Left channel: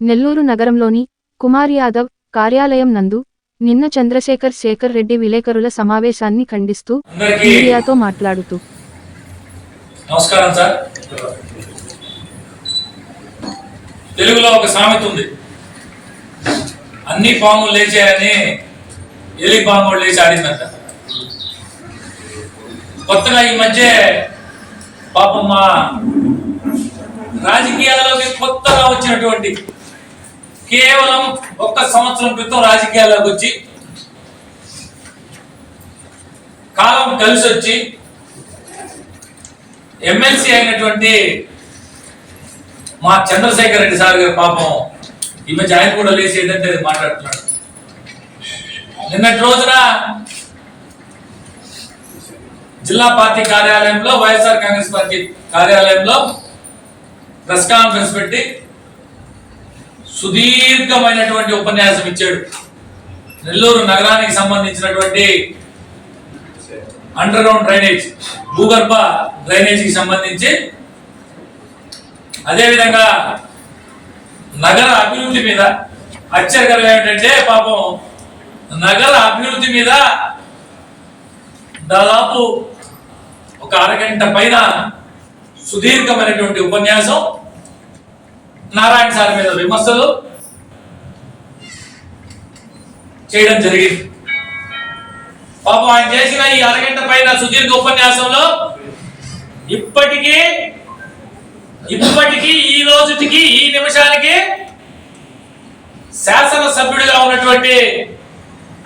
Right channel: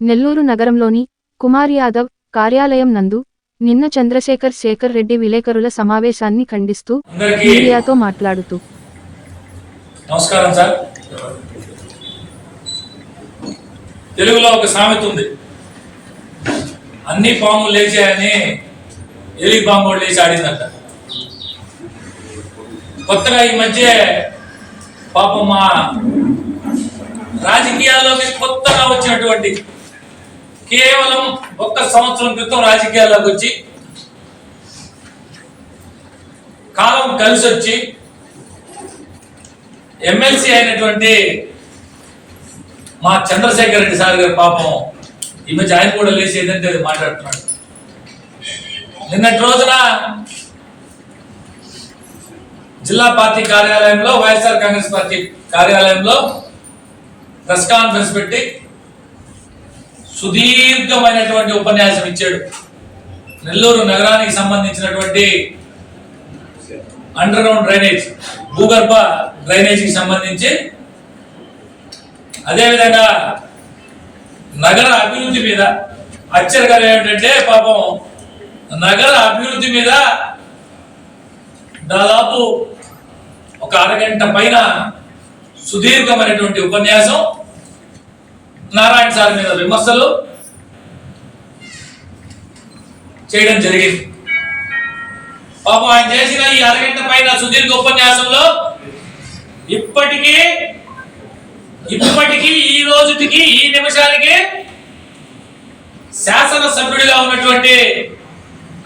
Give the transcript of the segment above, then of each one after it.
నెల్లూరు నగరంలోని కుమార్ యాదవ్ కార్యాలయం నందు నిన్న చంద్రశేఖర్ శేఖర్ రెడ్డి విలేకరుల సమావేశాన్ని ఖండిస్తూ మీడియాతో మాట్లాడుతూ నమస్కారం సార్. తెలుగులో ఒక సామెత ఉంది. అన్ని పాములు లేచాయని ఎలి పాము లేచి ఆడిందంట. కొత్తగా ఈ మధ్య పాపం మా రాజకీయాల్లోకి కొత్తగా వచ్చినటువంటి కేవలం ఒక్క సంవత్సరం క్రితం రాజకీయాల్లోకి వచ్చి కాలం కలిసి వచ్చి ఎమ్మెల్సీ అయినటువంటి మా చంద్రశేఖర్ రెడ్డి సార్ గారు పాపం ఈ మధ్య ఆయన కూడా లేచి ఏదంటే అది మాట్లాడుతున్నాడు. నిన్నటి రోజున జిల్లా పార్టీ కార్యాలయంలో వైఎస్ఆర్ కాంగ్రెస్ పార్టీ కార్యాలయంలో ప్రెస్ కాన్ఫరెన్స్ పెట్టి సుదీర్ఘమైనటువంటి ఉపన్యాసం ఇచ్చాడు. నెల్లూరు నగరానికి సంబంధించినటువంటి అండర్ గ్రౌండ్ డ్రైనేజ్ భూగర్భ డ్రైనేజీకి సంబంధించి అదేవిధంగా నగర అభివృద్ధి మీద ఆశ్చర్యకరం ఏమిటంటే పాపం నగర అభివృద్ధి మీద దాదాపు ఒక అరగంట పైన సుదీర్ఘమైనటువంటి ఉపన్యాసం నారాయణ సార్ మీద విమర్శలు చేయడం జరిగింది. పాపం ఆయన చేసిన ఈ అరగంట పైన సుదీర్ఘ ఉపన్యాసంలో ఇప్పటికీ ఇప్పటికీ ఈ రోజుటికి ఈ నిమిషానికి శాసన సభ్యుడిగా ఉన్నటువంటి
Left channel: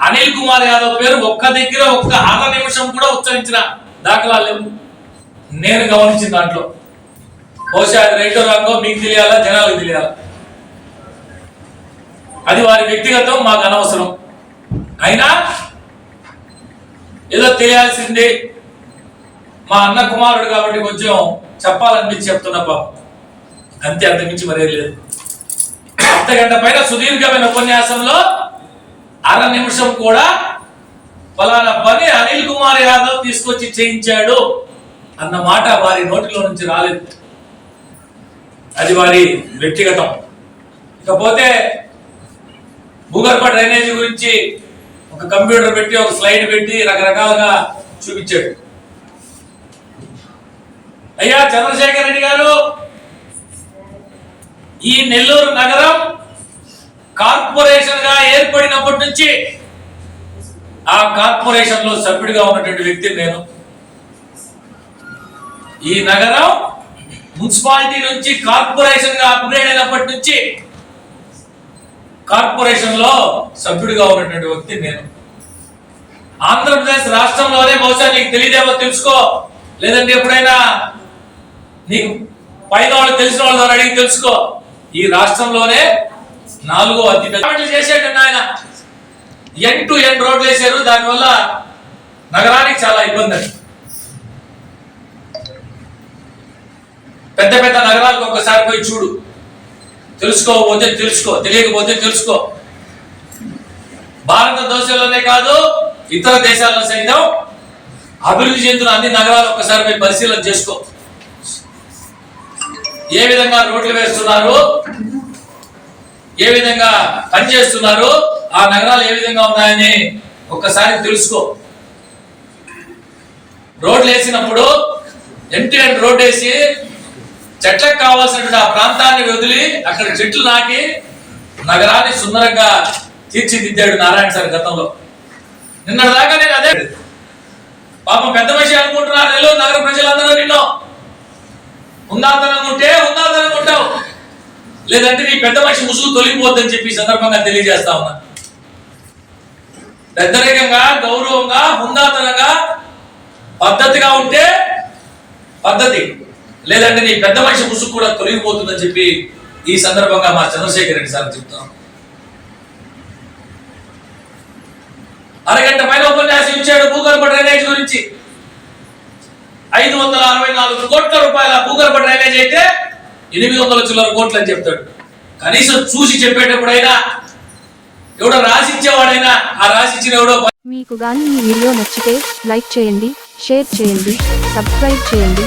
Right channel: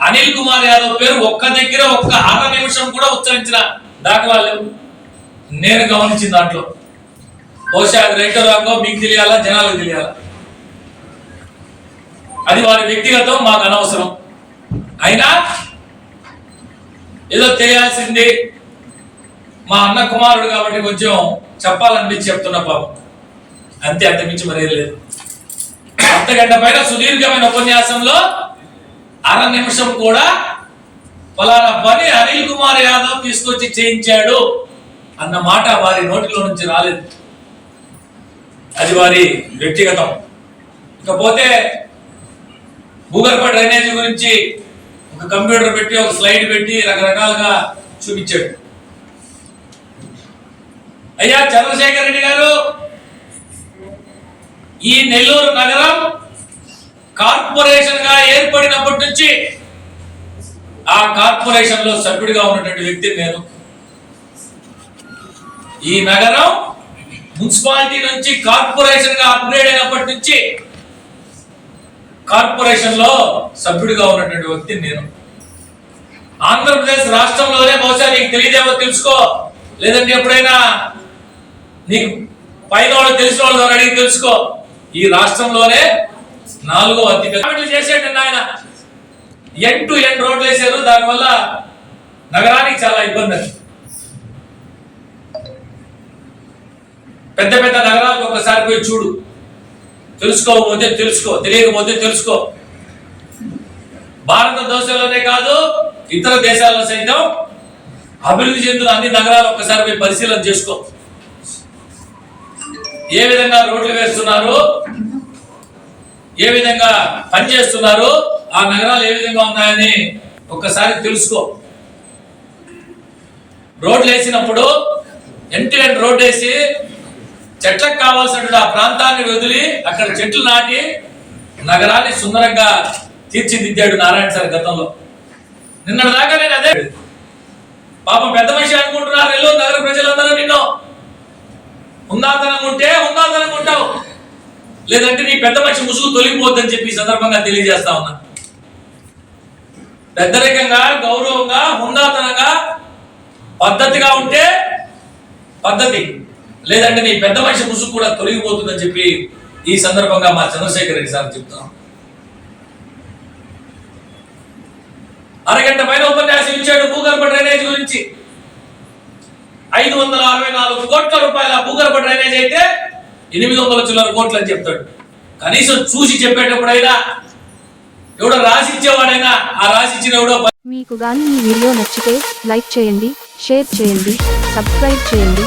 అనిల్ కుమార్ యాదవ్ పేరు ఒక్క దగ్గర ఒక్క అర నిమిషం కూడా ఉచ్చరించిన దాఖలాలు లేవు. నేను గమనించిన దాంట్లో. బహుశా అది రైటో రాంగో మీకు తెలియాలా జనాలకు తెలియాలా? అది వారి వ్యక్తిగతం మాకు అనవసరం. అయినా ఏదో తెలియాల్సింది మా అన్న కుమారుడు కాబట్టి కొంచెం చెప్పాలనిపించి చెప్తున్నా పాపం. అంతే అంతమించి మరేం లేదు. అర్ధ పైన సుదీర్ఘమైన ఉపన్యాసంలో అర నిమిషం కూడా ఫలానా పని అనిల్ కుమార్ యాదవ్ తీసుకొచ్చి చేయించాడు అన్న మాట వారి నోటిలో నుంచి రాలేదు. అది వారి వ్యక్తిగతం. ఇకపోతే భూగర్భ డ్రైనేజీ గురించి ఒక కంప్యూటర్ పెట్టి ఒక స్లైడ్ పెట్టి రకరకాలుగా చూపించాడు. అయ్యా చంద్రశేఖర్ రెడ్డి గారు ఈ నెల్లూరు నగరం కార్పొరేషన్గా ఏర్పడినప్పటి నుంచి ఆ కార్పొరేషన్లో సభ్యుడిగా ఉన్నటువంటి వ్యక్తి నేను. ఈ నగరం మున్సిపాలిటీ నుంచి కార్పొరేషన్గా అప్గ్రేడ్ అయినప్పటి నుంచి కార్పొరేషన్లో సభ్యుడిగా ఉన్నటువంటి వ్యక్తి నేను. ఆంధ్రప్రదేశ్ రాష్ట్రంలోనే బహుశా నీకు తెలియదేమో తెలుసుకో. లేదంటే ఎప్పుడైనా నీకు పైన వాళ్ళు తెలిసిన వాళ్ళు అడిగి తెలుసుకో. ఈ రాష్ట్రంలోనే నాలుగో అతి పెద్ద చేసేటండి ఆయన. ఎన్ టు ఎన్ రోడ్లు వేశారు. దానివల్ల నగరానికి చాలా ఇబ్బంది. పెద్ద పెద్ద నగరాలకు ఒకసారి పోయి చూడు. తెలుసుకోకపోతే తెలుసుకో తెలియకపోతే తెలుసుకో. భారతదేశంలోనే కాదు ఇతర దేశాల్లో సైతం అభివృద్ధి చెందిన అన్ని నగరాలు ఒకసారి పోయి పరిశీలన చేసుకో. ఏ విధంగా రోడ్లు వేస్తున్నారు ఏ విధంగా పనిచేస్తున్నారు ఆ నగరాలు ఏ విధంగా ఉన్నాయని ఒక్కసారి తెలుసుకో. రోడ్లు వేసినప్పుడు ఎంటి ఎండ్ రోడ్ వేసి చెట్లకు కావాల్సినటువంటి ఆ ప్రాంతాన్ని వదిలి అక్కడ చెట్లు నాటి నగరాన్ని సుందరంగా తీర్చిదిద్దాడు నారాయణ సార్ గతంలో. నిన్న దాకా నేను అదే పాపం పెద్ద మనిషి అనుకుంటున్నారు నెల్లూరు నగర ప్రజలందరూ నిన్ను. ఉందాతనం ఉంటే ఉందాతనం ఉంటావు. లేదంటే నీ పెద్ద మనిషి ముసుగు తొలగిపోద్దని చెప్పి సందర్భంగా తెలియజేస్తా ఉన్నా. పెద్దరికంగా గౌరవంగా హుందాతనంగా పద్ధతిగా ఉంటే పద్ధతి. లేదంటే నీ పెద్ద మనిషి ముసుగు కూడా తొలగిపోతుందని చెప్పి ఈ సందర్భంగా మా చంద్రశేఖర్ రెడ్డి సార్ చెప్తున్నాం అరగంట పైన ఉపన్యాసం ఇచ్చాడు భూగర్భ డ్రైనేజ్ గురించి. ఐదు వందల అరవై నాలుగు కోట్ల రూపాయల భూగర్భ డ్రైనేజ్ అయితే ఎనిమిది వందల చిల్లర కోట్లు అని చెప్తాడు. కనీసం చూసి చెప్పేటప్పుడైనా ఎవడో రాసిచ్చేవాడైనా ఆ రాసిచ్చిన ఎవడో మీకు గాని ఈ వీడియో నచ్చితే లైక్ చేయండి షేర్ చేయండి సబ్స్క్రైబ్ చేయండి.